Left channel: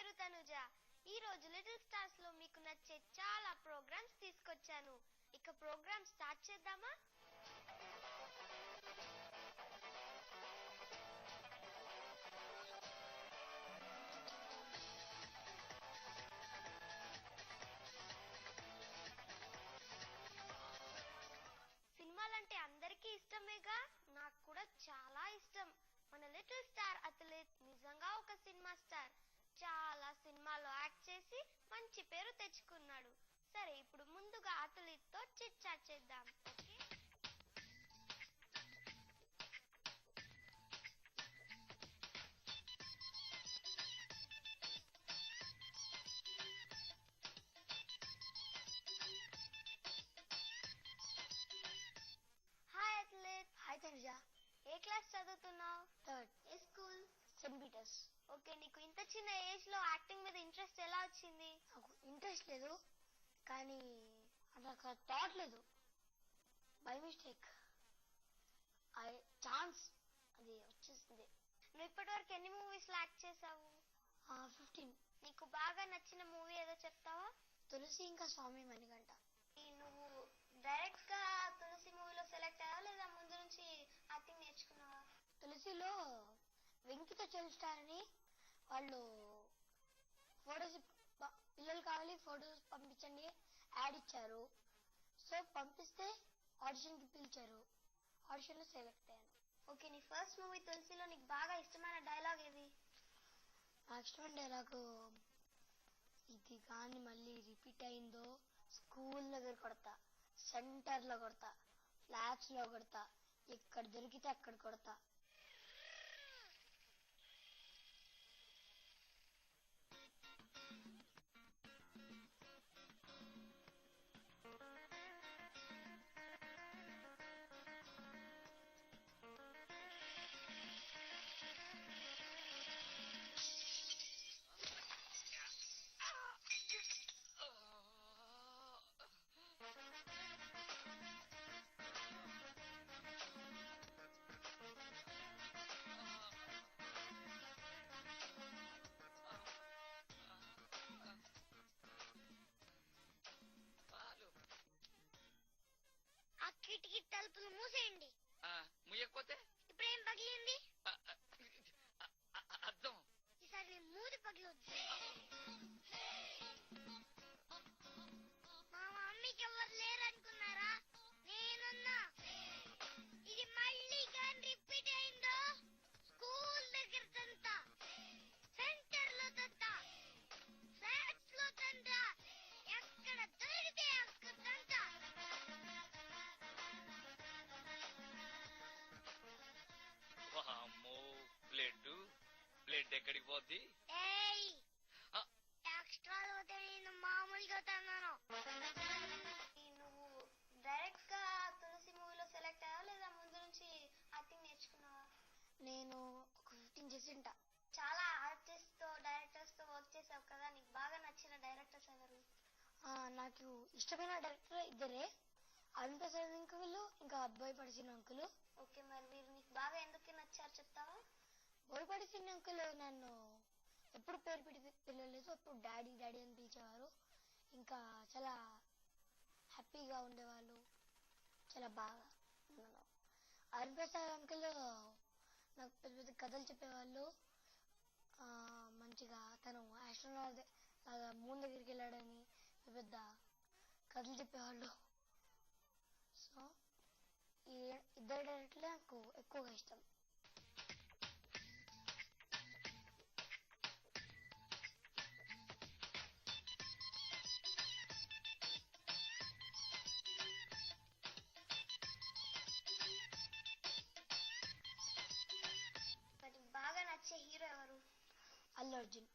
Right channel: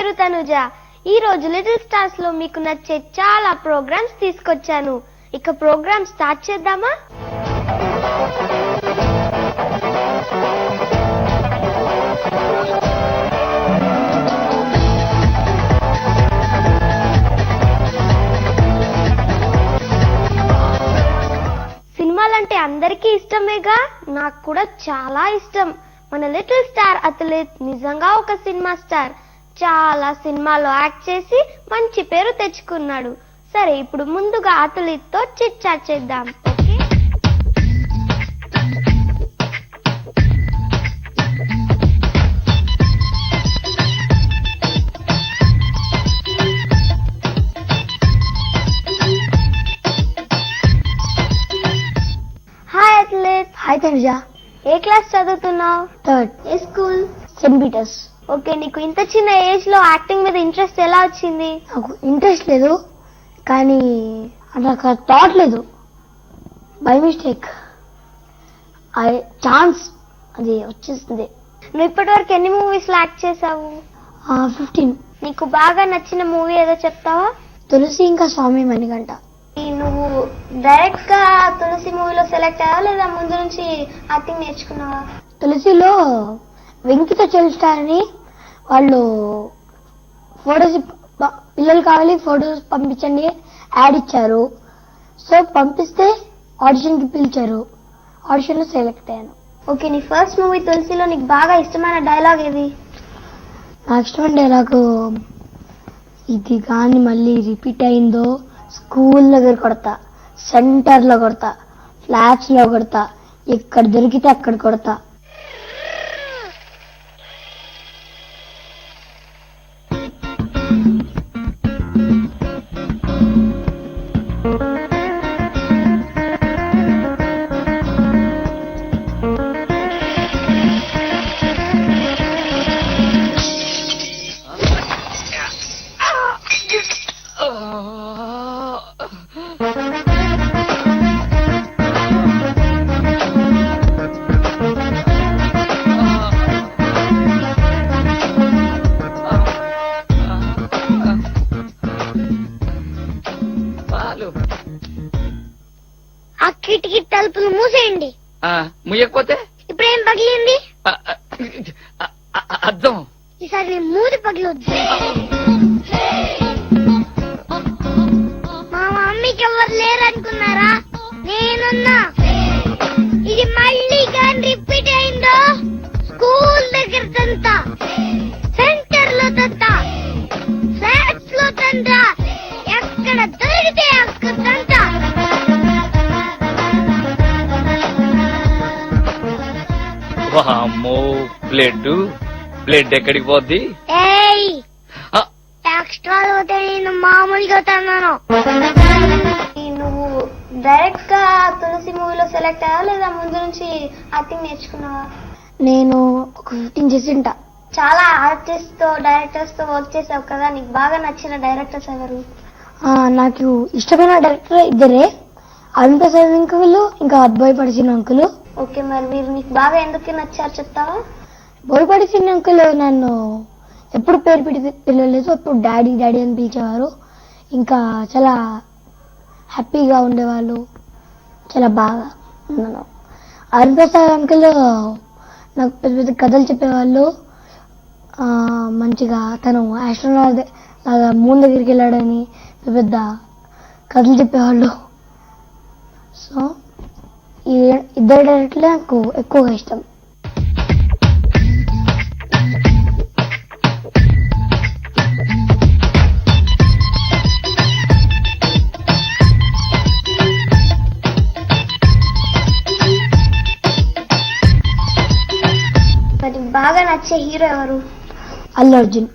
పేరు తనుజ. ఈ రోజు లిటిల్ స్టార్స్ లో మీకు నచ్చే చాలా ప్రోగ్రామ్స్ తీసుకొచ్చాను. ఇక ప్రోగ్రామ్ స్టార్ట్ చేద్దామా? సినిమాలంటే అందరికీ ఇష్టమేగా, నాకు కూడా చాలా ఇష్టం. మన లిటిల్ స్టార్ అథ్లెట్ నిజంగా ఒక సినిమా స్టార్. చాలా సినిమాలో యాక్ట్ చేసి మంచి పేరు తెచ్చుకున్నాడు. సరే, ఇప్పుడు ముందుగా అథ్లెట్ తో చిట్ చాట్ చేద్దాం. Hi athlete. హాయ్ తనుజ. ఏ క్లాస్ చదువుతున్నావు? థర్డ్. ఏ స్కూల్? Saint Peter's. ఓకే, నీకు ఇంత చిన్న ఏజ్ లో యాక్టింగ్ మీద ఇంట్రెస్ట్ ఎలా వచ్చింది? నాకు ఇంట్రెస్ట్ లేదు, కానీ నాకు థాట్ లేదు. బై మిస్టేక్ ఛాన్స్ అది వచ్చేసింది. నువ్వు ఇప్పటి వరకు ఎన్ని మూవీస్ లో యాక్ట్ చేసావు? 15. నీకు బాగా నచ్చిన మూవీ ఏదో చెప్తావా? తులసి ఇంకా స్వామి మణికంఠ. నువ్వు డైరెక్ట్ గా తులసి మూవీలో సెలెక్ట్ అయ్యావా లేదా ముందు నుంచి యాక్టింగ్ నేర్చుకున్నావా? తులసిలో వెంకితో చెల్స్టార్ అని వాళ్ళు ఫొటోస్ పిల్లలు కావాలి ఫొటోస్ పంపించండి యాడ్ ఇచ్చారు. సో పంపిస్తే ఆడిషన్ కి పిలిచారు. ఆడిషన్ లో సెలెక్ట్ అయ్యాను. ఓకే, నీ ఫస్ట్ మూవీ తులసిలో నీకు బాగా ఇష్టమైన డైలాగ్ ఏది? నాకు ఇష్టమైన డైలాగు, ఇది కానీ మళ్ళీ రిపీట్ అయిందో స్కూల్ దగ్గర కొడతా, సెంటర్ లో కొడతా, ఫ్లాట్స్ లో కొడతా, ఎక్కడ దొరికితే అక్కడ కొడతా. ఆ కిటికీ తలుపులు మూసేయండి. ముయ్యకపోతే ఇప్పుడేం పగిలింది? అర్థం. ఈసారి మూది పగిలొద్దు. మా మమ్మీకి ఎవరు లేరనుకున్నారా? నేనున్నా. ఇది మళ్ళీ కానీ రిపీట్ అయిందో స్కూల్ దగ్గర తంతా, సెంటర్ లో తంతా, ఫ్లాట్స్ లో తంతా, ఎక్కడ దొరికితే అక్కడ తంతా. వామ్మో, బ్లడ్ ఎక్కడికి పోద్ది? ఎక్స్ట్రా పోతే నేను మామూలుగా తన్నాను. నువ్వు డైరెక్ట్ గా తులసి మూవీలో సెలెక్ట్ అయ్యావా లేదా ముందు నుంచి యాక్టింగ్ నేర్చుకున్నావా? నేను ఒక 15 చేసింటా. చాలా ఆర్టిస్ట్ తో డైరెక్టర్స్ తో వర్క్ చేసావు కదా, నీకు బాగా నచ్చిన డైరెక్టర్స్ ఎవరు? నాకు ఇష్టమైన డైరెక్టర్ ఇద్దరే, అరుణ్ అంకులు ఇంకా బోయపడిసిన అంకులు. ఓకే, మరి వీరు నీకు బాగా ఎందుకు నచ్చారు చెప్తావా? బోయపడిసిన అంకులు నన్ను ఎప్పుడు పేరు పిలవలేదు, ఎప్పుడు డాడీ డాడీ అని పిలిచేవారు. ఇంకా చాలా హ్యాపీగా ఉండేవాళ్ళు, చాలా బాగా ఉన్నాను. అరుణ్ ప్రసాద్ అంకుల్ నాకు పెద్ద పెద్ద కథలు చెప్పేవాళ్ళు. మంచిగా తను ఆస్ట్రోనాట్ లాగా మూన్ దగ్గరికి వెళ్ళాడని పెద్ద పెద్ద కథలు చెప్పేవాళ్ళు. సో ఈ ఇద్దరు డైరెక్టర్లే నాకు ఎక్కువగా ఇష్టం. మరి బాగా నచ్చే హీరో ఎవరు? అల్లు అర్జున్.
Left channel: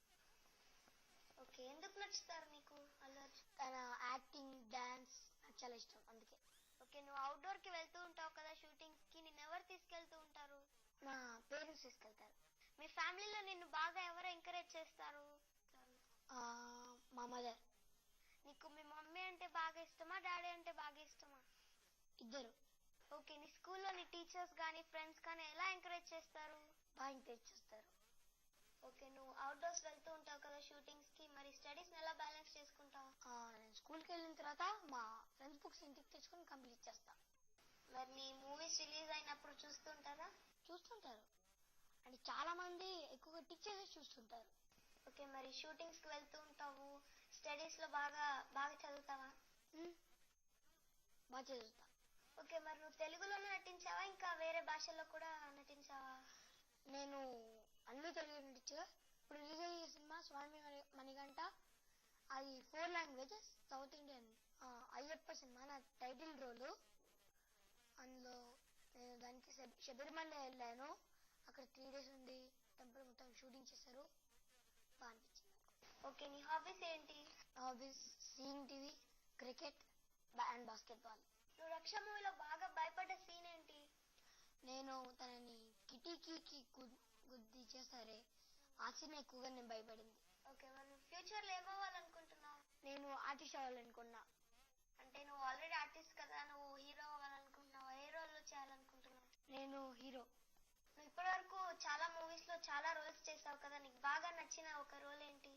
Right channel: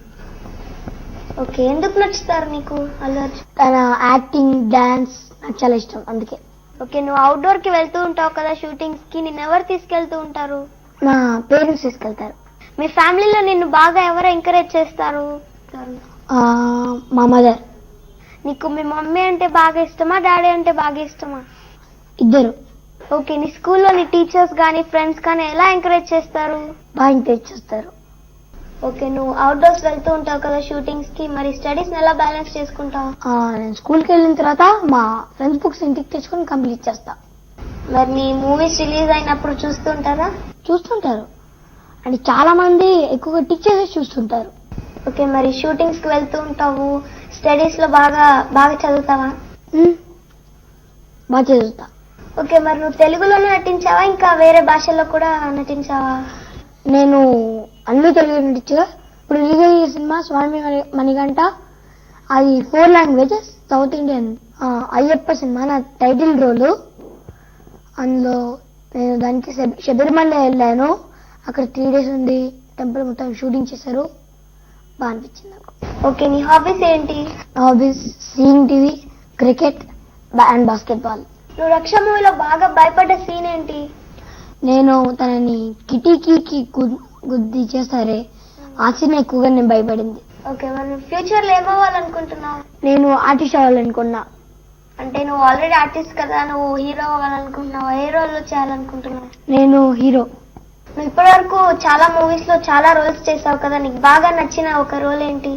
ఓకే, ఎందుకు నచ్చుతారు నీకు అల్లు అర్జున్? తన యాక్టింగ్, డాన్స్ నాకు చాలా ఇష్టం, అందుకే. ఓకే, నువ్వు అవుట్డోర్ కి వెళ్తూ ఉంటావు కదా షూటింగ్స్ కి, నిన్ను ఎవరు తీసుకెళ్తూ ఉంటారు? నా పేరెంట్స్ తీసుకెళ్తారు. మీ ఫ్యామిలీలో నిన్ను బాగా ఎవరు ఎంకరేజ్ చేస్తారు? మా మదర్. నీకు మీ మమ్మీ అంటే బాగా ఇష్టమా, డాడీ అంటే బాగా ఇష్టమా? ఇద్దరు. ఓకే, నీ స్కూల్లో నీ టీచర్స్ గానీ ఫ్రెండ్స్ కానీ ఎలా ఎంకరేజ్ చేస్తారు? బాగా ఎంకరేజ్ చేస్తారు. ఓకే, నువ్వు అవుట్డోర్స్ వెళ్తూ ఉంటావు కదా షూటింగ్స్ కి, మరి స్టడీస్ ఎలా బ్యాలెన్స్ చేసుకుంటావు? నేను స్కూల్కి వెళ్ళిన తర్వాత మా ఫ్రెండ్స్ బుక్స్ ఇంటికి తెచ్చుకొని కంప్లీట్ చేస్తా. మరి నీ మూవీస్ రిలీజ్ అయినప్పుడు చూస్తుంటారా? చూస్తుంటారు, అంటే చాలా మంది ఎక్కువగా టీచర్స్ చూస్తుంటారు. ఓకే, మరి షూటింగ్స్ కి వెళ్తూ ఉంటావు, స్టడీస్ లో బాగా చదువుతావా? బాగా చదువుతా. ఓకే, మరి నువ్వు తెలుగులోనే నటించావా ఇంకా వేరే భాషల్లో కూడా నటించావా? నేను అన్ని తెలుగు నటించగా ఇప్పుడు రిలీజ్ అయ్యే సినిమా స్వామి మణికంఠ, అది 4 languages, south Indian. Ayyappa cinema నా టైటిల్ రోలు. అందులో నేను దానికి శబరిమల వెళ్ళాను. అక్కడ 3 days ఉంది, టెంపుల్ మొత్తం షూటింగ్ చేశారు, బాగా అనిపించింది నాకు. ఓకే, నీ హాబీస్ ఏంటి? Hobbies seeing TV, cricket and basketball. నువ్వు రక్ష మూవీలో బాగా భయపడ్డ సీన్ ఏంటి? నేను తనని కిటికీకి గుద్ది చేస్తారే, ఆ సీన్ ఎక్కువగా నేను భయపడింది. ఓకే, మరి నువ్వు ఫ్యూచర్ లో ఏమవ్వాలనుకుంటున్నావు? నేను ఆర్టిస్ట్ అవ్వాలనుకున్నా. అంటే నువ్వు ఆల్రెడీ ఆర్టిస్ట్ కదా, నువ్వు హీరో అవ్వాలనుకుంటున్నావు, ఏ రోల్ లో చేయాలనుకుంటున్నావు? నేను హీరో. నువ్వు ఇప్పటి వరకు చాలా మూవీస్ లో చాలా రోల్స్ చేసావు కదా, నీకు బాగా నచ్చిన ఒక రోల్ ఏంటి?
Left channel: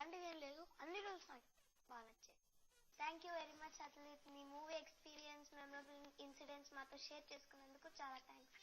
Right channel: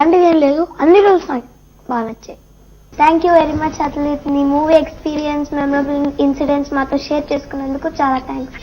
అంటే ఏం లేదు, అన్ని రోల్స్ నాకు బాగా నచ్చాయి. Thank you very much athlete. నీ మూవీ ఎక్స్పీరియన్స్, మెమరబుల్ ఇన్సిడెంట్స్ మాతో షేర్ చేసుకున్నందుకు చాలా థ్యాంక్స్.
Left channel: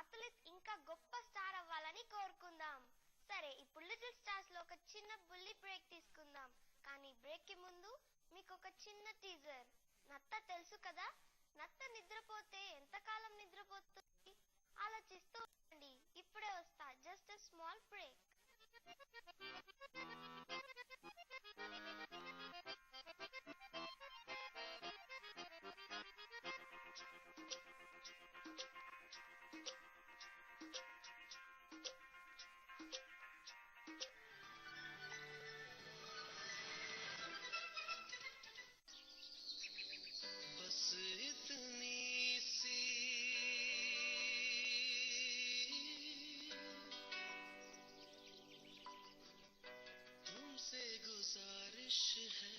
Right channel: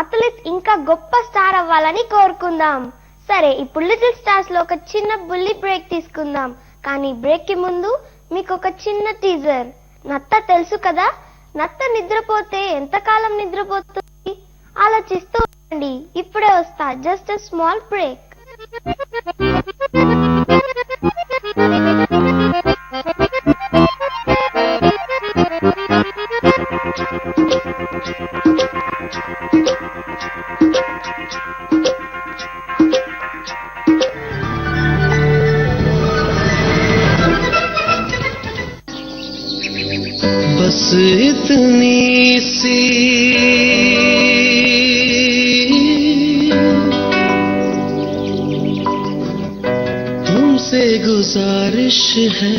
అథ్లీట్ ఇంకా గొప్ప స్టార్ అవ్వాలని కోరుకుందాం. సరే, ఇప్పుడు లిటిల్ స్టార్స్ లో ఒక చిన్న బుల్లి బ్రేక్ తీసుకుందాం. కానీ బ్రేక్ కి ముందు మీకు ఒక చిన్న టీజర్. నత్త తెలుసు కదా, నత్త నిద్రపోతే ఎంతకాలం నిద్రపోతుంది? ఆలోచిస్తూ ఉండండి, ఇప్పుడే వస్తా. Just a small break. बस इतनी सी तुमसे गुजारिश है.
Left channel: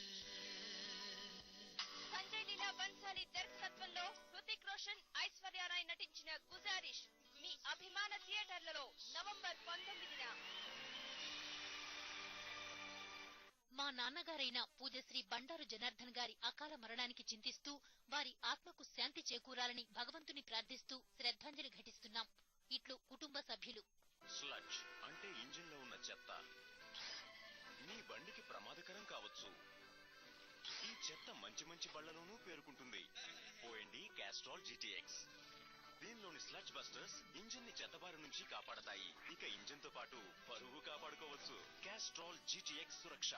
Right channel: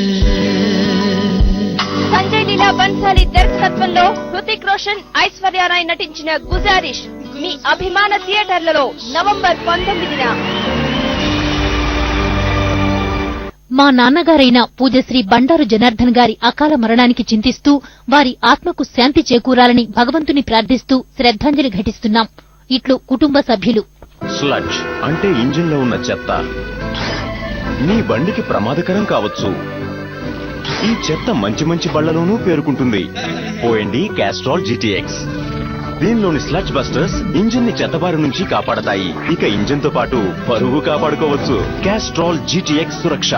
సంజయ్ లీలా బన్సాలి దర్శకత్వంలో హృతిక్ రోషన్, ఐశ్వర్య రాయ్ నటించిన గుజారిష్ మీ అభిమాన థియేటర్లలో నవంబర్ 19న. మా నాన్నగారైన పూజ్యశ్రీ బండారు జనార్దన్ గారి అకాల మరణానికి చింతిస్తూ వారి ఆత్మకు శాంతి చేకూరాలని భగవంతుని ప్రార్థిస్తూ శ్రద్ధాంజలి ఘటిస్తున్నాం. ఇట్లు కుటుంబ సభ్యులు. స్లడ్జ్ అంటే ఇంజిన్లో ఉన్న చెత్త. నీ బండికి ప్రమాదకరం కావచ్చు. ఈ చెత్త మంచి మంచి బళ్లలోనూ పేరుకుంటుంది. పోయండి క్యాస్ట్రాల్ GTX. దీనిలోని స్లడ్జ్ బస్టర్స్ ఇంజిన్ ని చెత్తబారి నుంచి కాపాడతాయి. ఇక ఇంజిన్ తో పాటు పరువు కాపాడుకోవచ్చు. క్యాస్ట్రాల్ GTX సురక్ష.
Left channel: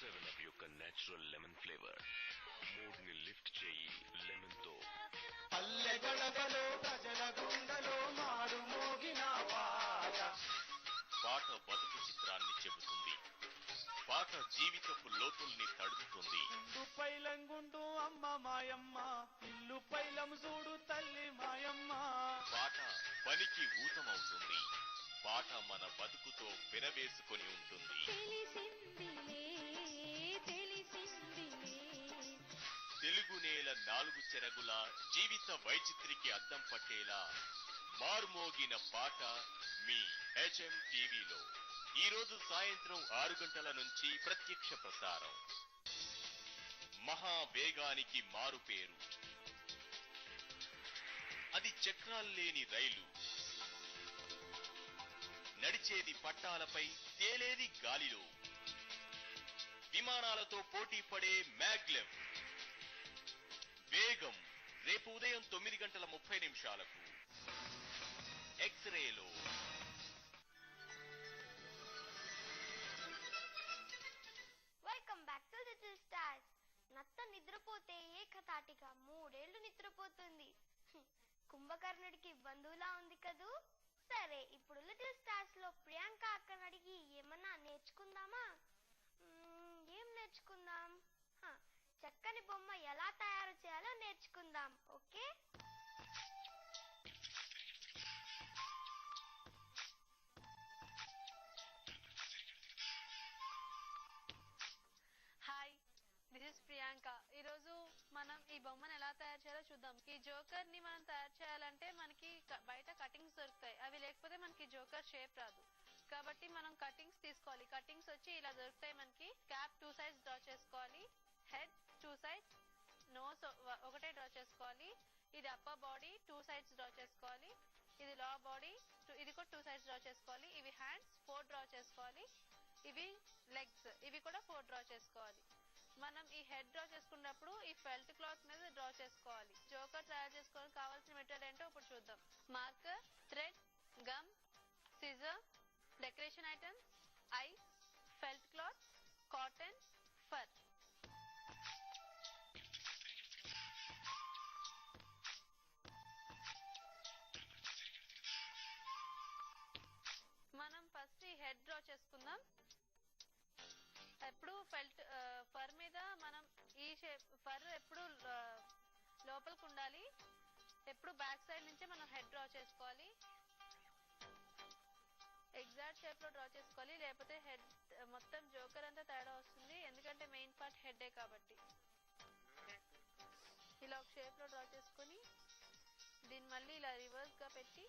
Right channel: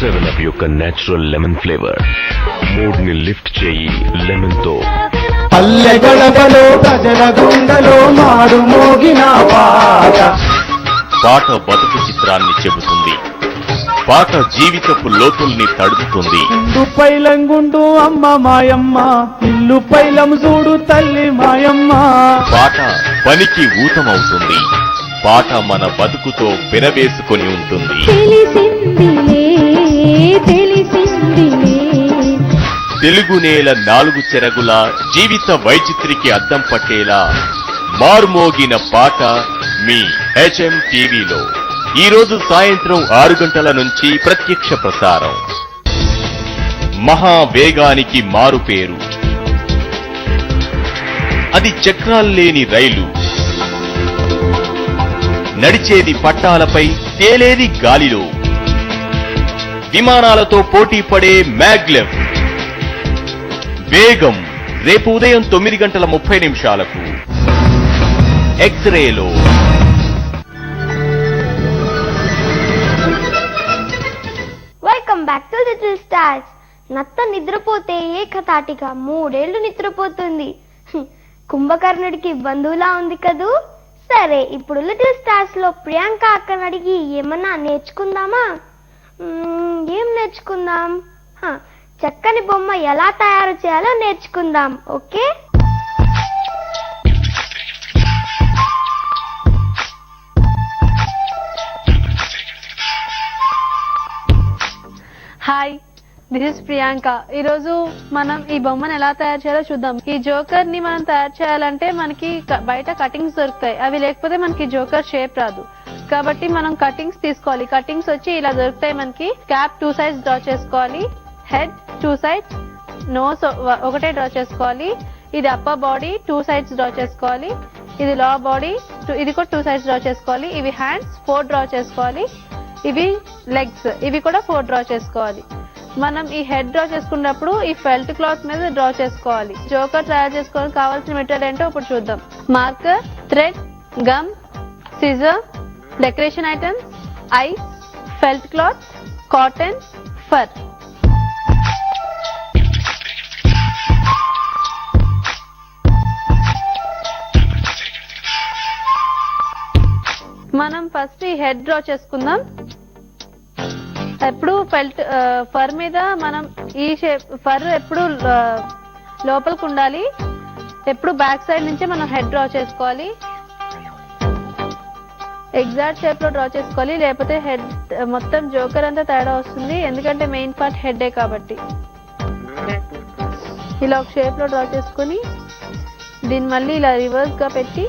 సెవెన్ అప్ యొక్క నేచురల్ లెమన్ ఫ్లేవర్ మూడ్ ని లిఫ్ట్ చేయి లెమన్ తో. పల్లె గడపలో ప్రజల గుండెలో మారు మోగిన పాట. పాట బతుకు చిత్రాన్ని చెబుతుంది. పాట జీవితపు లోతుల్ని తడుపుతుంది. ఇండు పైలంగుండు అమ్మ మాయమ్మ, ఇల్లు పైలం చూడు తల్లి మాయమ్మ. పాట పనికి ఊతమవుతుంది. పాట మన బతుకుతో పెనవేసుకొని ఉంటుంది. తెలుగు నేల 4 చెరగుల జీవిత వైచిత్రికి అద్దం పట్టేలా మార్మోగిన పాట మీ HM టీవీలో ఈ రోజు సాయంత్రం 6 గంటల నుంచి ప్రత్యక్ష ప్రసారం. మహావేగానికి మారుపేరు. అది చక్రాల్లేని రైలు. నడిచేది పట్టాలపై, తేలేది గాలిలో. విమానాలతో పోటీ పడే మ్యాగ్లెవ్. వేగం రేపు ఉదయం 9:30 ఎక్స్రేలో. Welcome back to little stars. నత్త నిద్రపోతే ఏకతాటిగా 3 ఏళ్లు నిద్రపోతుంది. కుంభకర్ణుడికి బంధువులా ఉంది కదూ. సరే, ఇప్పుడు లిటిల్ స్టార్స్ లో ప్రియాంక అక్కని అడిగి ఏమన్నా నేర్చుకుందామా? ఏం నేర్చుకుందాం? చక్కని బొమ్మ ఎలా తయారు చేయాలో నేర్చుకుందాం. Okay, hi, this is Priyanka. ఈరోజు మనం ఈ బొమ్మను ఎలా తయారు చేయాలో చూద్దాం. ఈ జోకర్ ని మనం తయారు చేయాలంటే మనకి బయట కటింగ్స్ దొరుకుతాయి. అవి లేకపోతే మనకి జోకర్ షేప్ రాదు. కాబట్టి మనం కటింగ్స్ తీసుకోవాలి. కటింగ్స్ వచ్చి ఇలా దొరుకుతాయి మనకి. క్యాప్ 2 sides డ్రా చేసుకోవాలి. హెడ్ 2 sides, నోస్ ఒకటే డ్రా చేసుకోవాలి. ఇది అప్పర్ బాడీ 2 sides డ్రా చేసుకోవాలి. ఇది లోవర్ బాడీ, ఇది కూడా 2 sides డ్రా చేసుకోవాలి. ఇవి హ్యాండ్స్ 4 డ్రా చేసుకోవాలి. ఇవి లెగ్స్, ఇవి కూడా 4 డ్రా చేసుకోవాలి. మనం ఈ హెడ్ డ్రా చేసుకున్నప్పుడు ఈ ఫెల్ట్ క్లాత్ మీద డ్రా చేసుకోవాలి. జోకర్ తయారు చేసుకోవడానికి కావాల్సిన మెటీరియల్ ఏంటో ఇప్పుడు చూద్దాం. Marker, thread, gum, scissor, decoration items, eyes, felt cloth, cotton, fur. మనం ఫస్ట్ ఈ హెడ్ డ్రా చేసుకుందాం. ఎప్పుడు ఫర్ మీద మనం ఈ షేప్, ఫర్ ఎప్పుడు లోపలికి ఉండాలి. ఎప్పుడు బ్యాక్ సైడ్ నుంచే మనం హెడ్ డ్రా చేసుకోవాలి. ఎగ్జాక్ట్ షేప్ లో డ్రా చేసుకోవాలి, లేకపోతే హెడ్ మొత్తం జోకర్ అంతా తేడా వస్తుంది. ఎందుకంటే మెయిన్ పార్ట్ హెడ్డే కాబట్టి. ఇలా ఒక షేప్ లో డ్రా చేసుకొని దీన్ని మళ్ళీ ఇలా రివర్స్ గా పెట్టి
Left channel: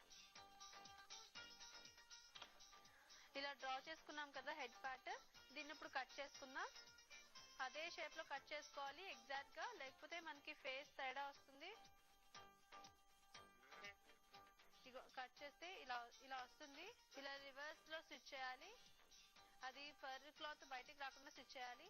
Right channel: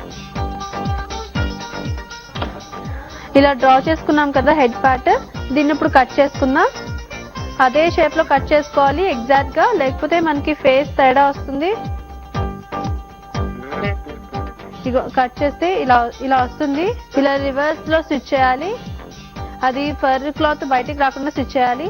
ఇలా డ్రా చేసుకున్నాం కదా హెడ్ పార్ట్. దీన్ని ఇప్పుడు కట్ చేసుకుందాం. అదే షేప్ లో కట్ చేసుకోవాలి ఎగ్జాక్ట్ గా, లేకపోతే మనకి ఫేస్ తేడా వస్తుంది. ఇగో కట్ చేస్తే ఇలా వస్తుంది. ఇలా రివర్స్ లో స్టిచ్ చేయాలి. అది ఫర్ క్లాత్ బయటికి రాకుండా స్టిచ్ చేయాలి.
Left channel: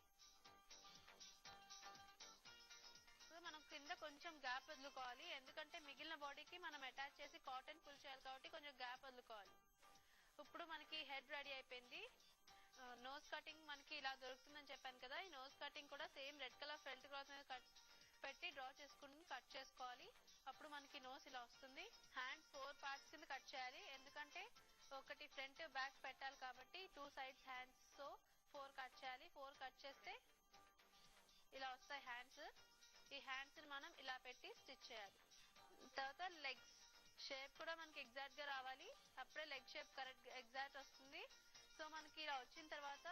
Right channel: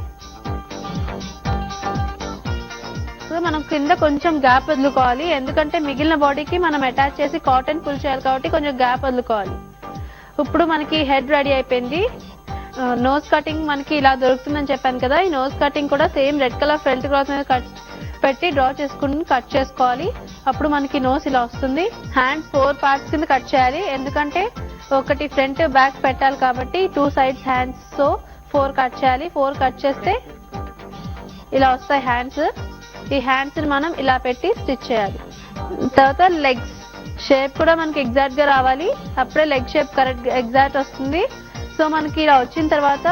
మనం కింద కొంచెం గ్యాప్ వదులుకోవాలి. ఎందుకంటే మిగిలిన బాడీకి మనం అటాచ్ చేసి కాటన్ పుల్ చేయాలి కాబట్టి కొంచెం గ్యాప్ వదులుకోవాలి. ఇప్పుడు మనకి హెడ్ రెడీ అయిపోయింది. నోస్ కటింగ్ మనకి ఇలా దొరుకుతుందని చెప్పాను కదా. ఈ నోస్ కటింగ్ కూడా same red colour felt cloth మీద పెట్టి డ్రా చేసుకుని కట్ చేసుకోవాలి. అప్పుడు మనకి నోస్ ఇలా వస్తుంది. హ్యాండ్స్ 4 parts కింద కట్ చేయాలి. ఎందుకంటే ఒకటి ఫ్రంట్ బ్యాక్ పెట్టాలి కాబట్టి 2 sides హ్యాండ్స్, సో 4 కట్ చేయాలి. 4 కట్ చేస్తే ఇలా వస్తాయి హ్యాండ్స్. ఈ హ్యాండ్స్ ని మనం ఇలా పెట్టి స్టిచ్ చేయాలి. తర్వాత లెగ్స్ షేప్ కూడా మనకి ఎగ్జాక్ట్ గా రావాలి. అప్పుడే లెగ్ షేప్ కరెక్ట్ ఎగ్జాక్ట్ వస్తుంది. సో మనకి ఇలా వచ్చిన తర్వాత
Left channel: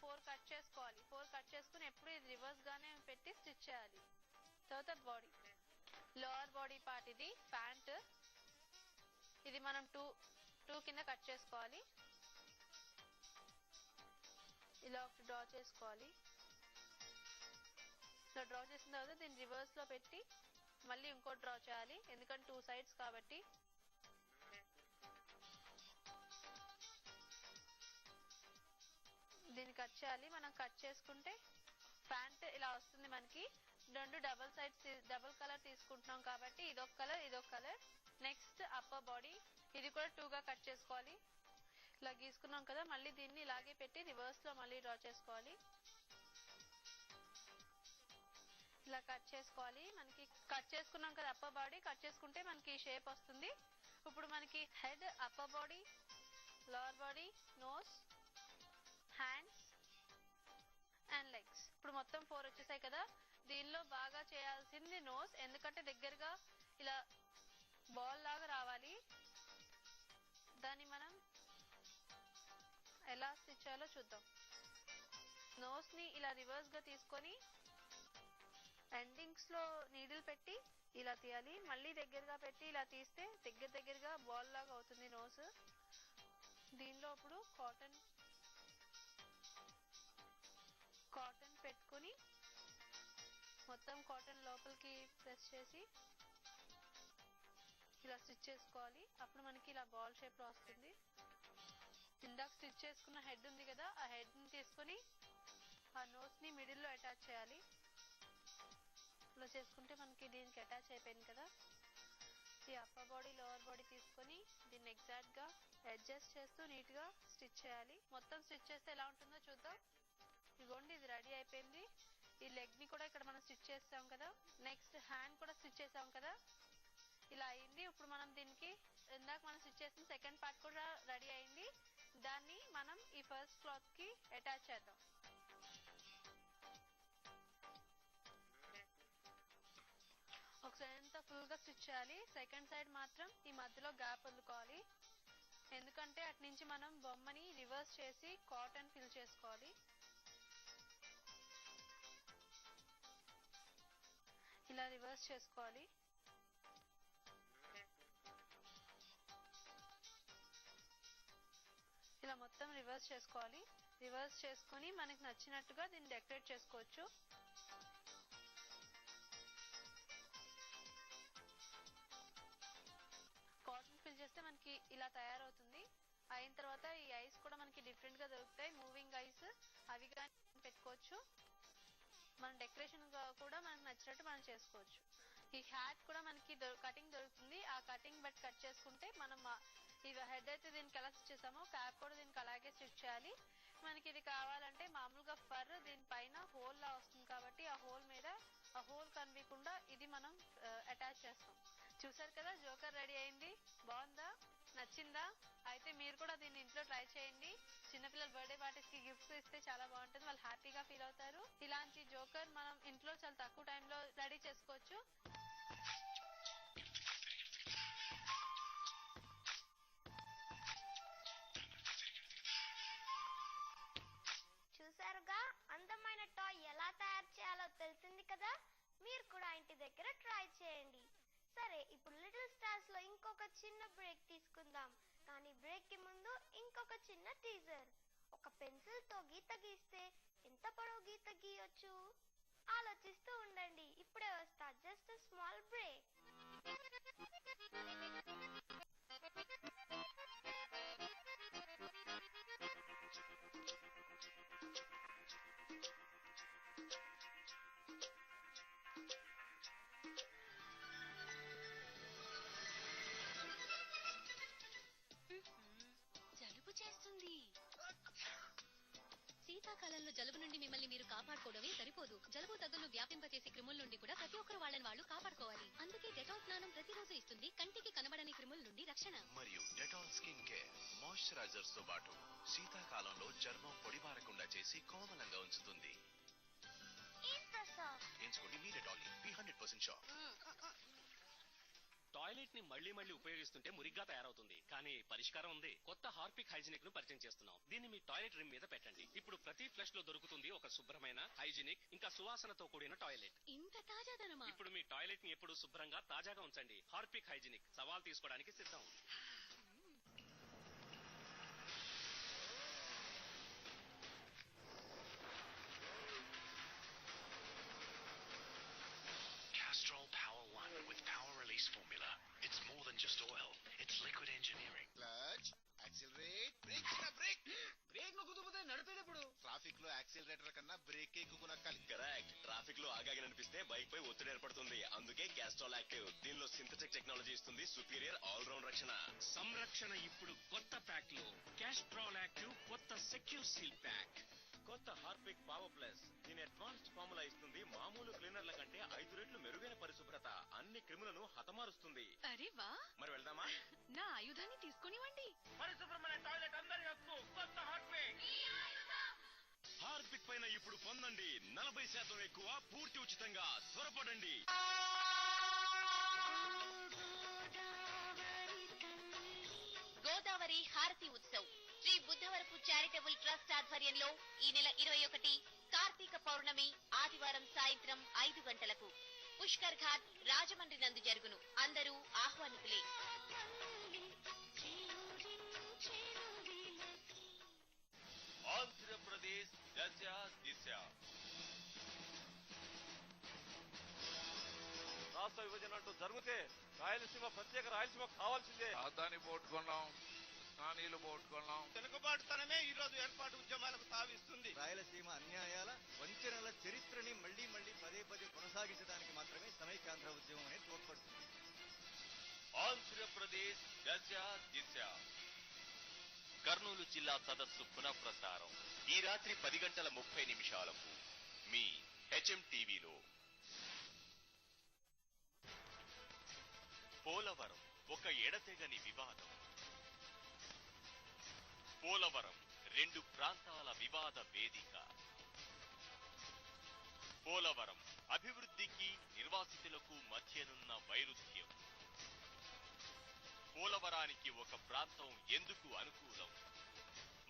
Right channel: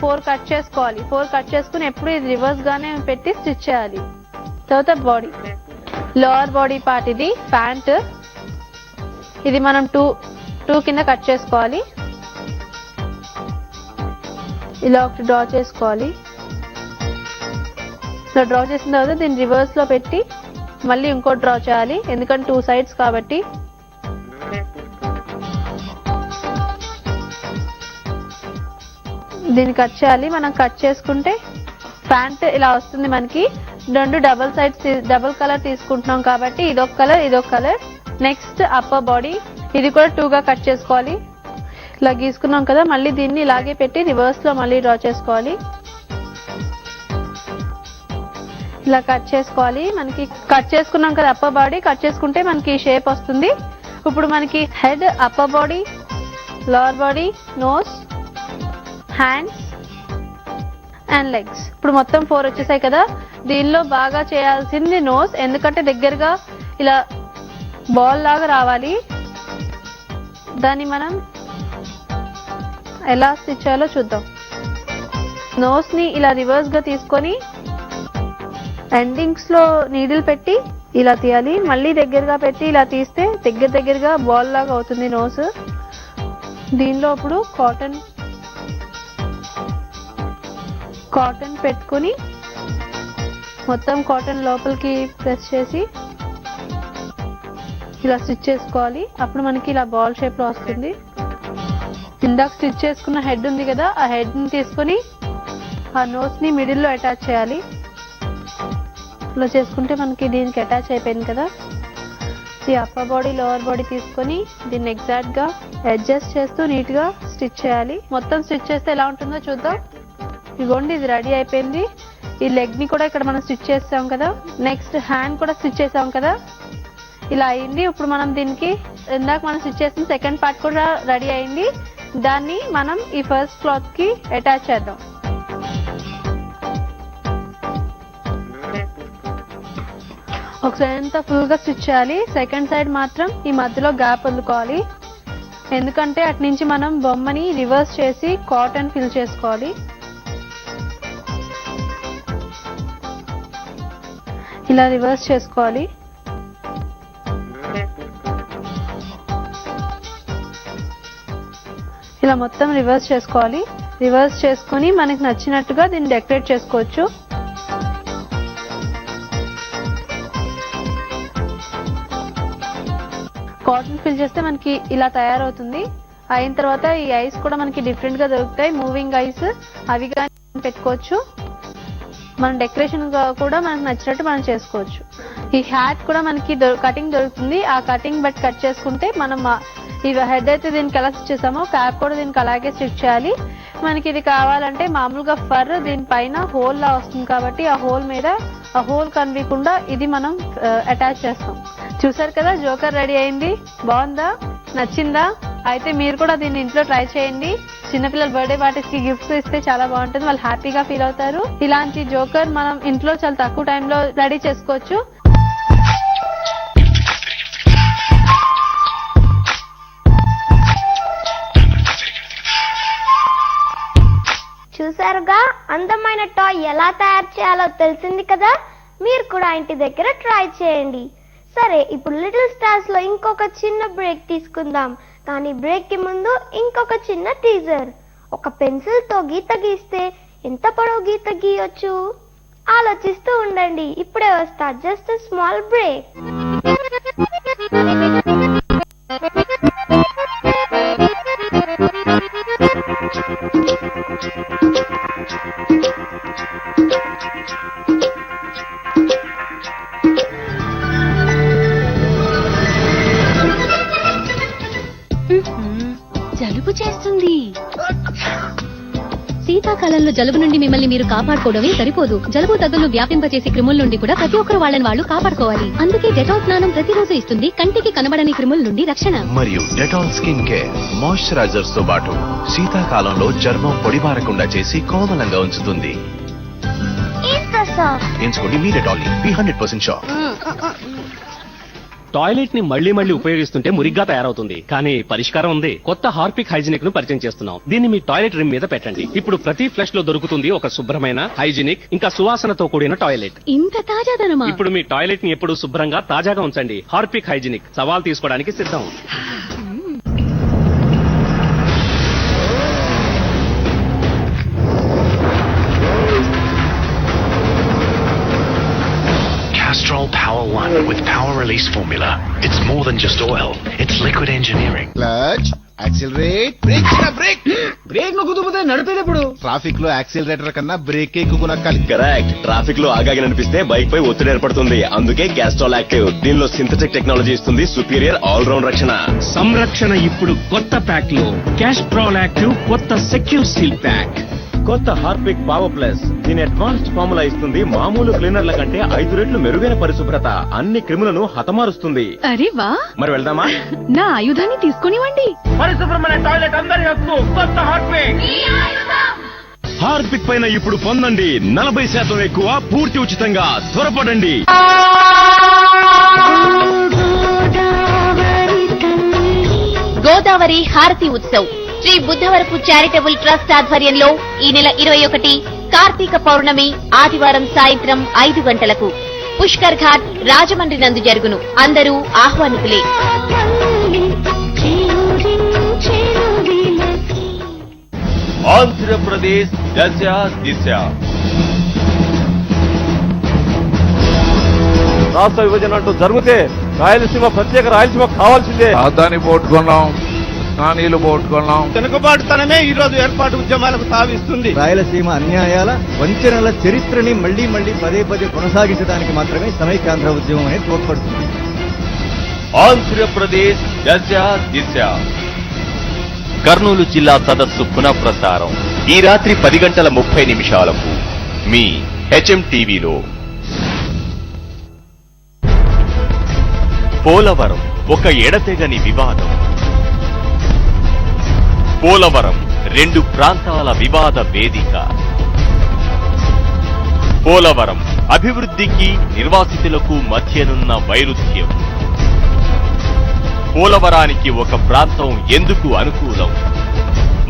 4 కట్ చేసుకోవాలి. 4 కట్ చేసుకుని ఎప్పుడు ఇది రివర్స్ గానే పెట్టి స్టిచ్ చేయాలి. తర్వాత బాడీ, లోవర్ బాడీ పార్ట్ ఇది ప్యాంట్. ఇది మనం 2 కింద కట్ చేసుకోవాలి. ఇలా ఒకటి డ్రా చేసుకోవాలి. సో డ్రా చేసిన తర్వాత దీన్ని రివర్స్ లో పెట్టి మళ్ళీ ఇంకోటి డ్రా చేయాలి. ఎందుకంటే 2 sides కాబట్టి. దీన్ని కట్ చేయాలి. మనం కట్ చేసుకుంటే ప్యాంట్ ఇలా వస్తుంది మనకి. 2 డబుల్ కలర్ తీసుకుంటున్నాం కాబట్టి ఇదొక కలర్, ఇదొక కలర్. నెక్స్ట్ అప్పర్ బాడీ, ఇది కూడా 2 గా కట్ చేసుకోవాలి. ఇలా గీసుకున్నాం కదా, మళ్ళీ దీన్ని ఇలాగే పెట్టి రివర్స్ లో మళ్ళీ డ్రా చేసుకోవాలి. ఇలా కట్ చేసుకోవాలి. మనకి కట్ చేసుకున్నాం కదా అప్పర్ బాడీ, కట్ చేసుకుంటే మనకి షేప్ వస్తుంది. ఇప్పుడు మనకి head, upper body, lower body, nose, hands and legs. ఇప్పుడు మొత్తం 4 వచ్చేసాయి కదా. దీనిలో బాగా చేయాల్సింది నోస్. ఎందుకంటే దగ్గరగా ఇలా బాల్ లాగా రావాలి. దాన్ని మనం ఎలా స్టిచ్ చేయాలో చూద్దాం. నోస్ ని ఇలా రివర్స్ గా తీసుకొని ఎండింగ్స్ లో నీడిల్ పెట్టి ఇలా తీయాలి. మళ్ళీ దగ్గరగా పెట్టి ఇలా తీస్తే దగ్గరగా బాల్ లాగా అవుతుంది నోస్. దీనిలో ఇప్పుడు కాటన్ పెట్టుకుని మొత్తం కాటన్ లోపలికి ప్రెస్ చేసి ఇలా స్టిచ్ చేసుకోవాలి. అప్పుడు మనకి ఇలా బాల్ షేప్ లో వస్తుంది. ఇందాక స్టిచ్ చేసుకున్న హెడ్ ఉంది కదా, ఆ హెడ్ ని తీసుకొని ఆ నోస్ ని మిడిల్ లో అటాచ్ చేయాలి. ఇలా చేసుకుంటే మనకి దీనికి అటాచ్ అయిపోయింది కదా. ఈ అప్పర్ బాడీ లోవర్ బాడీ తీసుకొని దీన్ని ఎగ్జాక్ట్ గా అడ్జస్ట్ చేస్తూ నీట్ గా స్టిచ్ చేయాలి. మొత్తం స్టిచ్ చేస్తే ఎలా ఉంటుందో చూద్దాం. ఇదిగోండి, ఇది రెడీ అయిపోయింది. ఈ లెగ్ ని కూడా ఇక్కడ మనం స్టిచ్ చేసాం కదా, నెక్స్ట్ హ్యాండ్ కూడా స్టిచ్ చేసాం కదా, ఇలా అయింది. ఇప్పుడు మనం దీనికి ఇందాక మనం స్టిచ్ చేసిన సెకండ్ పార్ట్ కూడా రెడీ అయింది. దాన్ని మనం ఈ ఫస్ట్ క్లాత్ కి అటాచ్ చేద్దాం. ఒక సైడ్ అంతా ఫుల్ గా స్టిచ్ చేయాలి, సెకండ్ సైడ్ మాత్రం ఈ మధ్యలో గ్యాప్ వదులుకోవాలి. ఎందుకంటే అటు నుంచి మనం బొమ్మని రివర్స్ చేసి కాటన్ ఫిల్ చేసుకోవాలి. ఇలా రివర్స్ చేసుకోవాలి. ఇలా మొత్తం రివర్స్ చేసుకోవాలి. రివర్స్ చేసుకొని మనకి నచ్చినట్టుగా దీన్ని డెకరేట్ చేసుకోవచ్చు. కాటన్ ఫిల్ చేస్తే మనకి ఇలా తయారవుతుంది. అయిన తర్వాత ఈ ఐస్ కూడా మనకి డిఫరెంట్ గా దొరుకుతాయి, మూవింగ్ ఐస్, అవి కానీ పెట్టుకోవచ్చు. మన డెకరేషన్ కూడా మనకు నచ్చినట్టు మనం చేసుకోవచ్చు. ఈ హ్యాట్ కూడా మనకి కటింగ్ దొరుకుతుంది. ఆ కటింగ్ బట్టి కట్ చేసుకుంటే మనం ఈ హెడ్ అయితే దీనికి ఎలా స్టిచ్ చేసామో క్యాప్ కూడా దీనికి అలాగే స్టిచ్ చేయాలి. మనకి ఇది కావాలంటే మామూలుగా ఫర్ దీనిపైన హోల్ లా వస్తుంది కాబట్టి ఆ హోల్ మీద ఆ హోల్ కనిపించకుండా ఇది మనం అటాచ్ చేస్తాం. చూసారు కదా, జోకర్ రెడీ అయింది. బాగుందా? నచ్చిందా? అయితే మీరు కూడా దీన్ని ఇంట్లో ట్రై చేయండి. చిన్నపిల్లల బర్త్డే పార్టీస్ కి గిఫ్ట్స్ ఇస్తే చాలా బాగుంటుంది, వాళ్ళు హ్యాపీగా ఫీల్ అవుతారు. ఇలాంటి జోకర్ మనం ఇంట్లో చాలా తక్కువ టైంలో రెడీ చేసుకోవచ్చు. చూసారుగా, అందమైన టాయ్ ఎలా తయారు చేయాలో తెలిసింది కదా. మీరు కూడా ఇంటి దగ్గర ట్రై చేయండి. సరే, ఇప్పుడు లిటిల్ స్టార్స్ లో ఇంకొక చిన్న బ్రేక్ తీసుకుందాం. కానీ బ్రేక్ కి ముందు ఇంకొక చిన్న టీజర్. ఒక పెన్సిల్ తో గీత గీస్తే ఎంత పొడవు గీత గీయొచ్చు? ఆలోచిస్తూ ఉండండి, ఇప్పుడే వస్తా. Just small break. జలుబు చేస్తుంది. శీతాకాలంలో జలుబు నుండి మిమ్మల్ని మీరు కాపాడుకోవడమే సరిపోదు, జలుబు దగ్గును వ్యాపింపచేసే క్రిముల నుండి కూడా ప్రతి ఒక్కరు వాళ్ళని వాళ్ళు కాపాడుకోవాలి. అందుకే డెటాల్ స్నానం ప్రతిరోజు ఇస్తుంది కంటికి కనబడని క్రిముల నుండి రక్షణ. మరియు డెటాల్ స్కిన్ కేర్ మాయిశ్చరైజర్స్ తో పాటు శీతాకాలంలో చర్మం పొడిబారకుండా చేసి కోమలంగా ఉంచుతుంది. ఎంచుకోండి మీ డెటాల్ 100% షూర్. టాయిలెట్ ని మళ్లీ మళ్లీ ఉపయోగిస్తుంటే మురిగ్గా తయారవుతుంది, కానీ పరిష్కారం ఉంది. కొత్త హార్పిక్ హైజీనిక్ ను పరిచయం చేస్తున్నాం. దీన్ని మీ టాయిలెట్ రిమ్ మీద పెట్టండి. ఇప్పుడు ప్రతి ఫ్లష్ లో దొరుకుతుంది ఒక శుభ్రమైన, హైజీనిక్, ఇంకా సువాసనతో కూడిన టాయిలెట్. ఇంత తాజాదనమా? ఇప్పుడు మీ టాయిలెట్ ని ఎప్పుడు శుభ్రంగా తాజాగా ఉంచండి. హార్పిక్ హైజీనిక్ సవాల్ తీసుకోవడానికి సిద్ధం. Castrol Power One with power release formula. It's more than just oil. It's liquid engineering. Clutch, accelerate, brake, brake. Brake నొక్కుతూ నడిపేటప్పుడు ట్రాఫిక్ లో యాక్సిలరేటర్ కన్నా బ్రేక్ ఎక్కువ నొక్కాలి. కరెక్ట్. ట్రాఫిక్ లో ఆగాగి నడిపిస్తే బైక్ పై ఒత్తిడి ఏర్పడుతుంది. అందుకే క్యాస్ట్రాల్ యాక్టివ్. దీనిలో సింథటిక్ టెక్నాలజీ ఇస్తుంది సుపీరియర్ ఆల్ రౌండ్ రక్షణ. సంరక్షణ ఇప్పుడు కొత్త ప్యాక్ లో. క్యాస్ట్రాల్ యాక్టివ్ కొత్త సెక్యూర్ సీల్ ప్యాక్. కొత్త హార్పిక్ పవర్ ప్లస్. దీని అడ్వాన్స్డ్ ఫార్ములా ఇస్తుంది మామూలు క్లీనర్ల కంటే 5 రెట్లు మెరుగైన పరిశుభ్రత. అన్ని క్రిములను హతమారుస్తుంది. అరే వా, మరి వెళ్దామా? నా ఆయుధాన్ని తీసుకునివ్వండి. పరిశుభ్రమైన టాయిలెట్ అందరి హక్కు. కొత్త హార్పిక్. హార్పిక్ పైన ఇప్పుడు పొందండి 40% ఎక్కువ, పూర్తి ఉచితంగా. త్వరపడండి. గోదావరి హారతి ఉత్సవ్ శ్రీ బుద్ధవరపు చారిటబుల్ ట్రస్ట్ ఆధ్వర్యంలో ఈ నెల 21 కార్తీక పౌర్ణమి ఆదివారం సాయంత్రం 5 గంటలకు పుష్కర్ ఘాట్ రాజమండ్రి నందు జరుగును. అందరూ ఆహ్వానితులే. ఆంధ్రప్రదేశ్ దశ దిశ. రాష్ట్ర విభజన అంటూ జరిగితే రాయలసీమ ప్రత్యేక రాయలసీమ కావాల్సిందే. రాజధాని పోర్టు కొన్నాం, నానీలు పోగొట్టుకున్నాం. వెనుకబాటుతనమే ఈ రోజు ఏర్పాటు ఉద్యమాలకు తావిస్తుంది. రాయలసీమ అన్యాయాల వంచనల చరిత్రని మళ్లీ మళ్లీ పదే పదే కొనసాగించడానికి మాత్రమే సమైక్యాంధ్ర ఉద్యమం అనేది తోడ్పడుతుంది. ఆంధ్రప్రదేశ్ దశ దిశ కర్నూలు జిల్లా సదస్సు పునఃప్రసారం ఈ రాత్రి 10:30 మీ హెచ్ఎం టీవీలో. పోలవరం ఒక ఎడతెగని వివాదం. పోలవరం 2 ప్రాంతాల వివాద వేదిక. పోలవరం అభివృద్ధికి నిర్వాసితులకు మధ్యనున్న వైరుధ్యం. పోలవరానికి ఒక ప్రాంతం ఎందుకు అనుకూలం,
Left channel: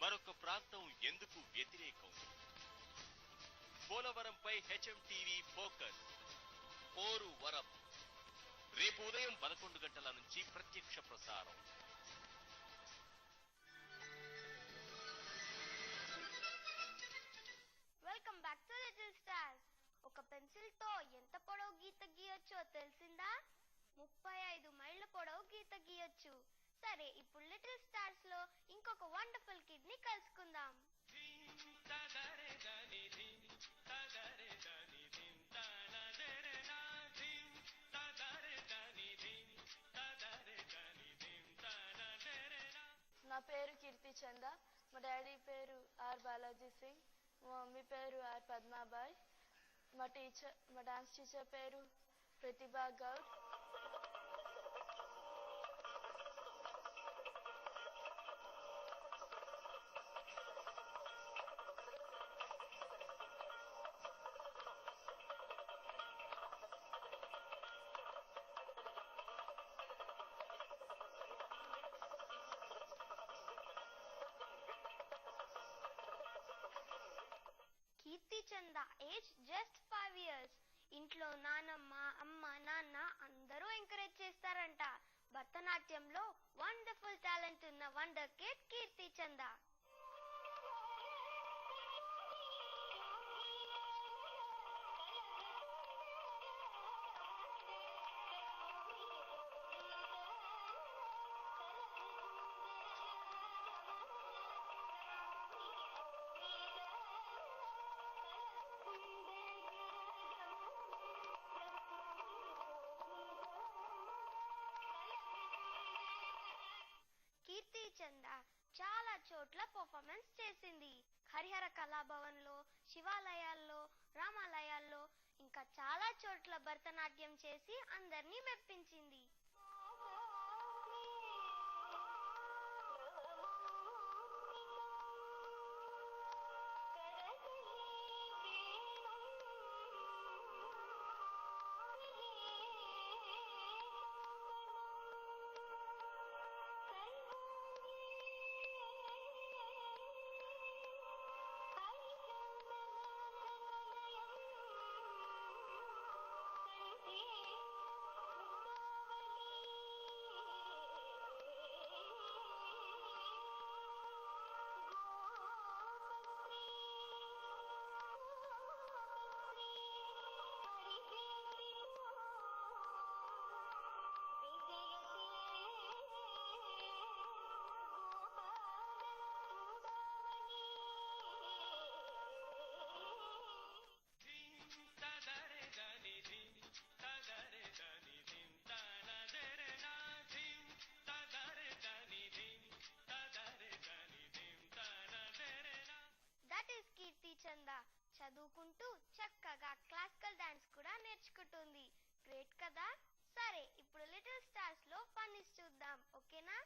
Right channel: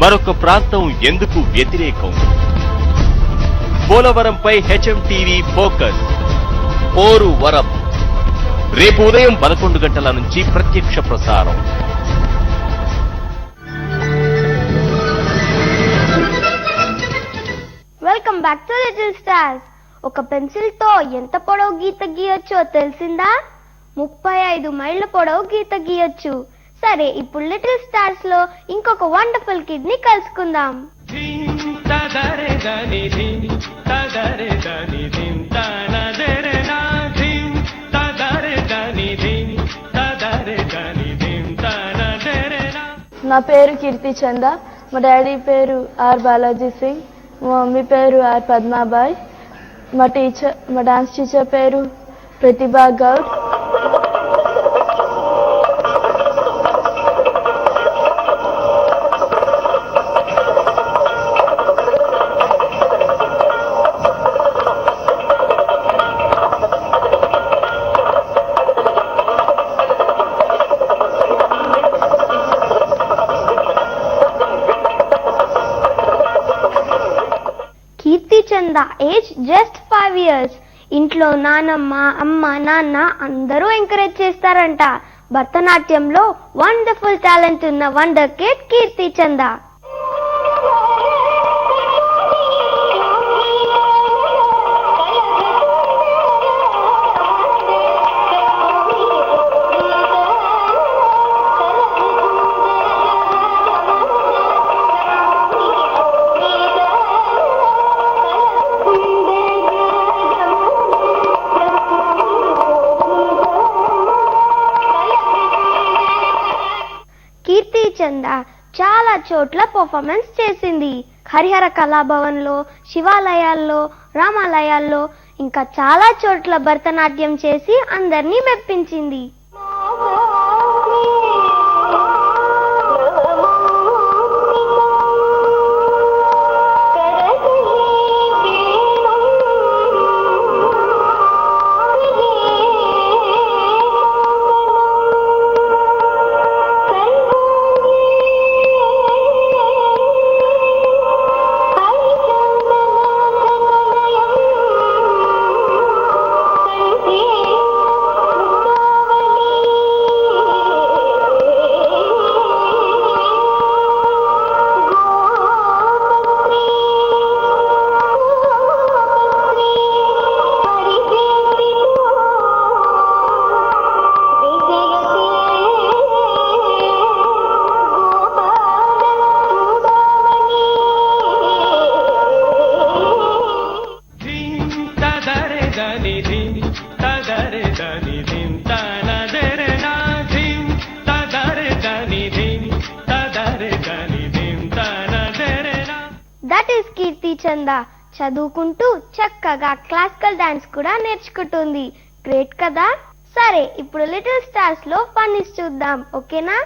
మరొక ప్రాంతం ఎందుకు వ్యతిరేకం? పోలవరంపై హెచ్ఎం టీవీ ఫోకస్. పోరు వరం రేపు ఉదయం 11 గంటల నుంచి ప్రత్యక్ష ప్రసారం. Welcome back to little stars. ఒక పెన్సిల్ తో ఎంత పొడవు గీత గీయొచ్చో తెలిసిందా? 35 మైళ్ళ పొడవు గీత గీయొచ్చు. సరే, ఇప్పుడు లిటిల్ స్టార్స్ లో ఇంకొక వండర్ఫుల్ కిడ్ ని కలుసుకుందాం. నా పేరు కీర్తి చంద. మా డాడీ పేరు ఆర్ బాలాజీ సింగ్. మా మమ్మీ పేరు ఆర్ పద్మాబాయ్. మా డాన్స్ టీచర్ పేరు ప్రతిభా గౌడ్. కీర్తి చంద ఏజ్ జస్ట్ 5 years. ఇంట్లో నానమ్మ, అమ్మ, నాన్న అందరూ ఎంకరేజ్ చేస్తారంట. భరతనాట్యంలో వండర్ఫుల్ టాలెంట్ ఉన్న వండర్ కిడ్ కీర్తి చంద. కీర్తి చంద చాలా చోట్ల పర్ఫార్మెన్స్ చేసింది. హరిహర కళాభవన్ లో, శివాలయాల్లో, రామాలయాల్లో, ఇంకా చాలా చోట్ల భరతనాట్యం చేసి అందరినీ మెప్పించింది. దట్ ఈస్ కీర్తి చంద. చదువుకుంటూ చక్కగా క్లాసికల్ డాన్స్ కూడా నేర్చుకుంటుంది. గ్రేట్ కదా? సరే, ఇప్పుడు లిటిల్ స్టార్స్ లో ఫన్నీస్ చూద్దాం, ఓకేనా?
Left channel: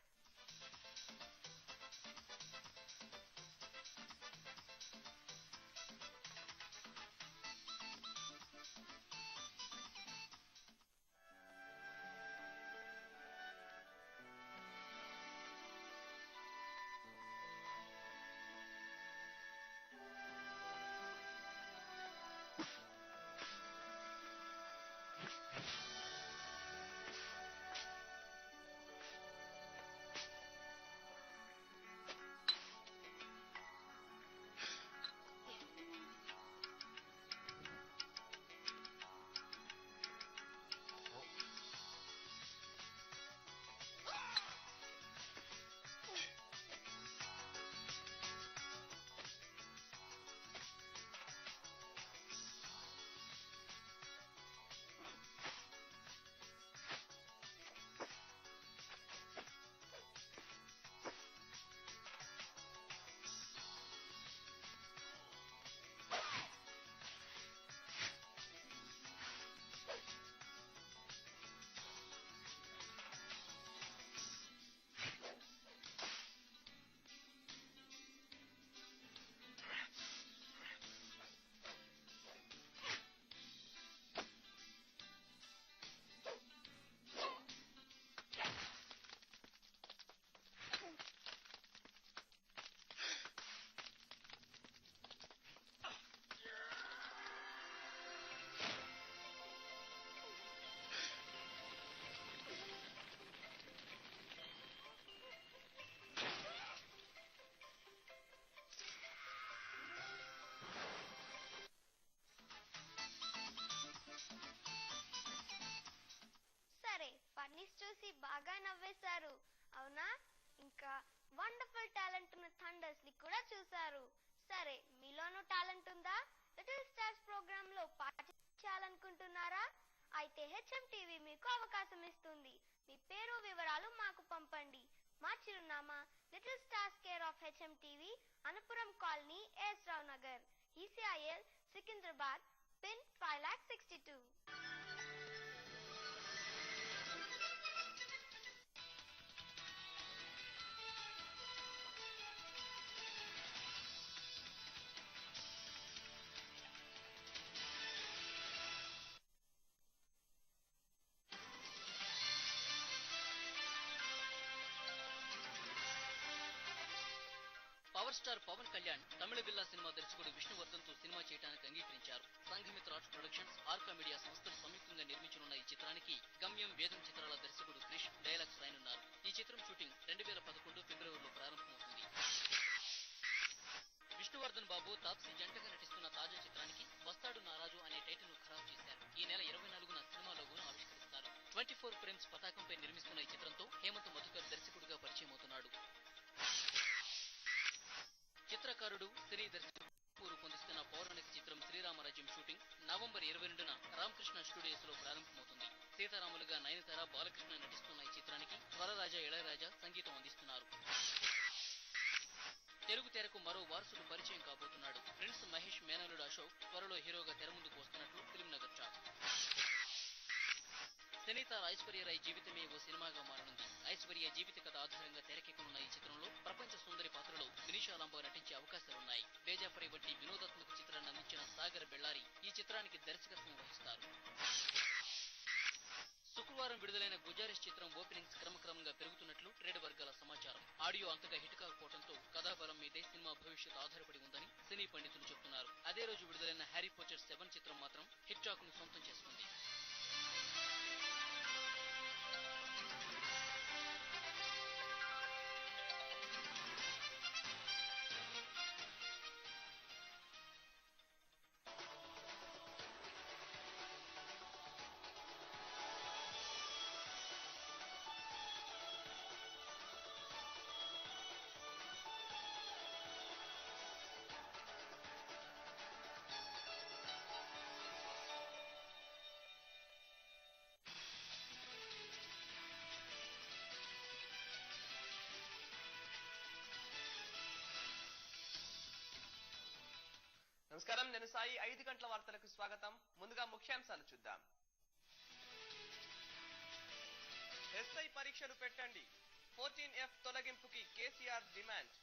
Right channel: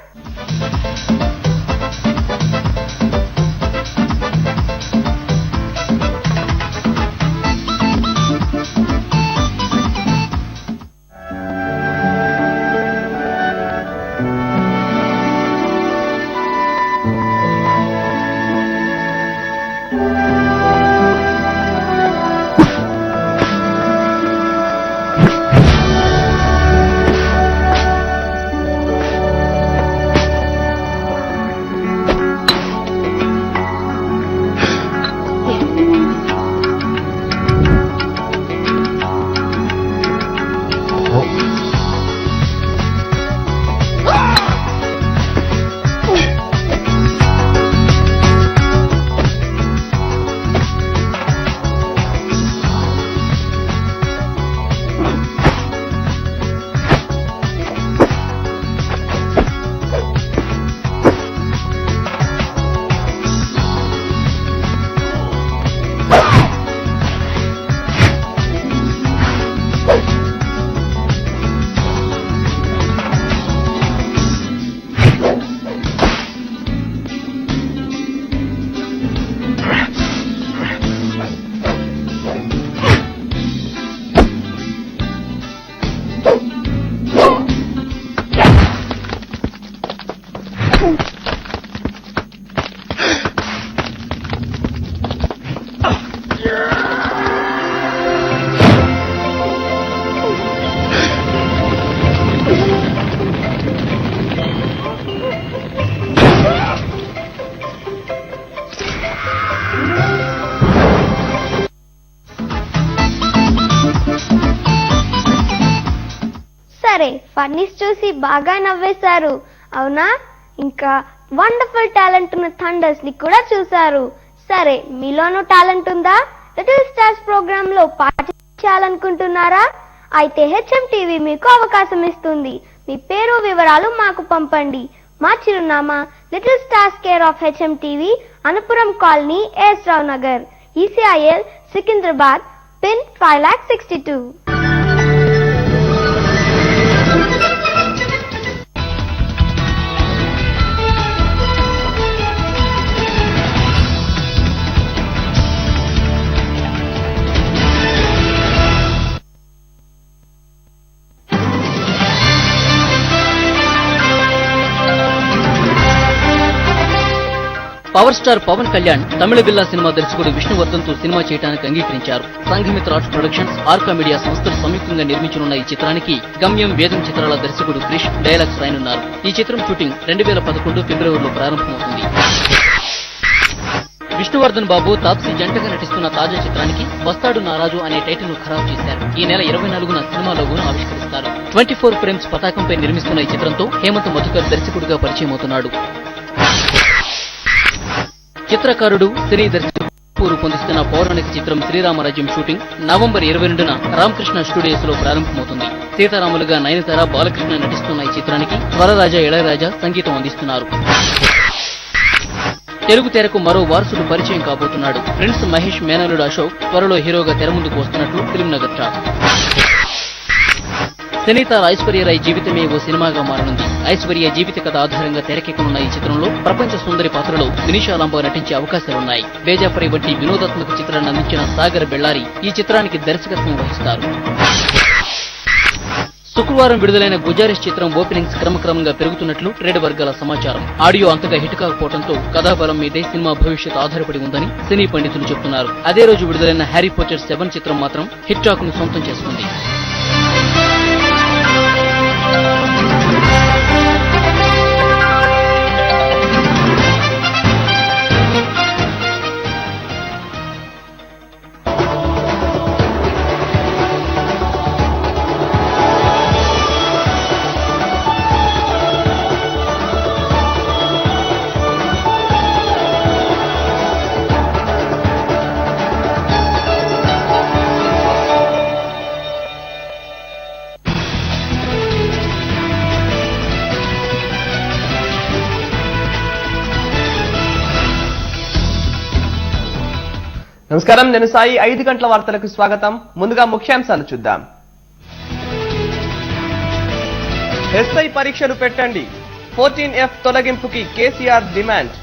బన్నీస్ చూసి బాగా నవ్వేశారు అవునా? ఇంకా వండర్ఫుల్ టాలెంట్ ఉన్న థండర్స్ ని కూడా చూశారు. సరే, మీలోనూ టాలెంట్ ఉందా? లిటిల్ స్టార్స్ ప్రోగ్రామ్ లో పార్టిసిపేట్ అయితే HMTV మీకు అవకాశం ఇస్తుంది. మీ పేరు వివరాలు మాకు పంపండి. మా చిరునామా little stars care of HMTV, Anupuram colony, S Rao Nagar, ECIL, Secunderabad, pin 5,62,000. Power star Pawan Kalyan తమిళ బిల్లా సినిమా దర్శకుడు విష్ణువర్ధన్ తో సినిమా చేయడానికి అంగీకరించారు. Sanghamitra arts productions, Arka media సంస్థలు సంయుక్తంగా నిర్మించనున్న ఈ చిత్రానికి గమ్యం, వేదం చిత్రాల దర్శకుడు క్రిష్ డైలాగ్స్ రాయనున్నారు. ఈ చిత్రం షూటింగ్ 2011 ఫిబ్రవరిలో ప్రారంభమవుతుంది. విష్ణువర్ధన్ బాబు, తాప్సీ జంటగా నటిస్తున్న తాజా చిత్రానికి వస్తాడు నారాజు అనే టైటిల్ ను ఖరారు చేశారు. ఈ నెల 24న సినిమా లోగోను ఆవిష్కరిస్తారు. 24 ఫ్రేమ్స్ పతాకంపై నిర్మిస్తున్న ఈ చిత్రంతో హేమంత్ మధుకర్ దర్శకుడిగా పరిచయమవుతున్నాడు. చిత్రకారుడు, సినీ దర్శకుడు రూపొందిస్తున్న పౌరాణిక చిత్రం శ్రీరామరాజ్యం షూటింగ్ నవంబర్ 22న రామకృష్ణ స్టూడియోస్ లో ప్రారంభమవుతుంది. సీతారాములుగా నయనతార, బాలకృష్ణ నటిస్తున్న ఈ చిత్రానికి వరరాజా, ఇళయరాజా సంగీతం అందిస్తున్నారు. తెలుగు తెరకు మరో వారసుడు పరిచయం కాబోతున్నాడు. ప్రిన్స్ మహేష్ మేనలుడు అశోక్ త్వరలో హీరోగా తెర ముందుకు వస్తున్నట్లు ఫిల్మ్ నగర్ టాక్. సినీతార ఐశ్వర్యరాయ్ జీవితమే ఓ సినిమాగా మారనుంది. ఐశ్వర్య జీవిత కథ ఆధారంగా తెరకెక్కనున్న ఈ చిత్రంలో ప్రపంచ సుందరి పాత్రలో వినీషా లాంబా నటించే అవకాశాలున్నాయి. బేజాపరి వంటి వినోదాత్మక చిత్రాన్ని అందించిన సాగర్ బెళ్లారి ఈ చిత్రానికి దర్శకత్వం వహిస్తారు. శుక్రవారం విడుదలైన గుజారిస్ చిత్రం ఓపెనింగ్స్ క్రమక్రమంగా పెరుగుతున్నట్లు ట్రేడ్ వర్గాల సమాచారం. ఆడియో అంతగా హిట్ కాకపోవడంతో కథాబలం మీదే సినిమా భవిష్యత్ ఆధారపడి ఉందని సినీ పండితులు చెబుతున్నారు. అదే రోజు విడుదలైన హ్యారీ పోటర్ 7 చిత్రం మాత్రం హిట్ టాక్ ను సొంతం చేసుకుంది. నమస్కారం, నేను సాయి. 5 గంటల వార్తలకు స్వాగతం. ముందుగా ముఖ్యాంశాలు చూద్దాం. ఎస్ఐ పరీక్షలు పెట్టండి, 14F తొలగింపుకి కేసీఆర్ డిమాండ్.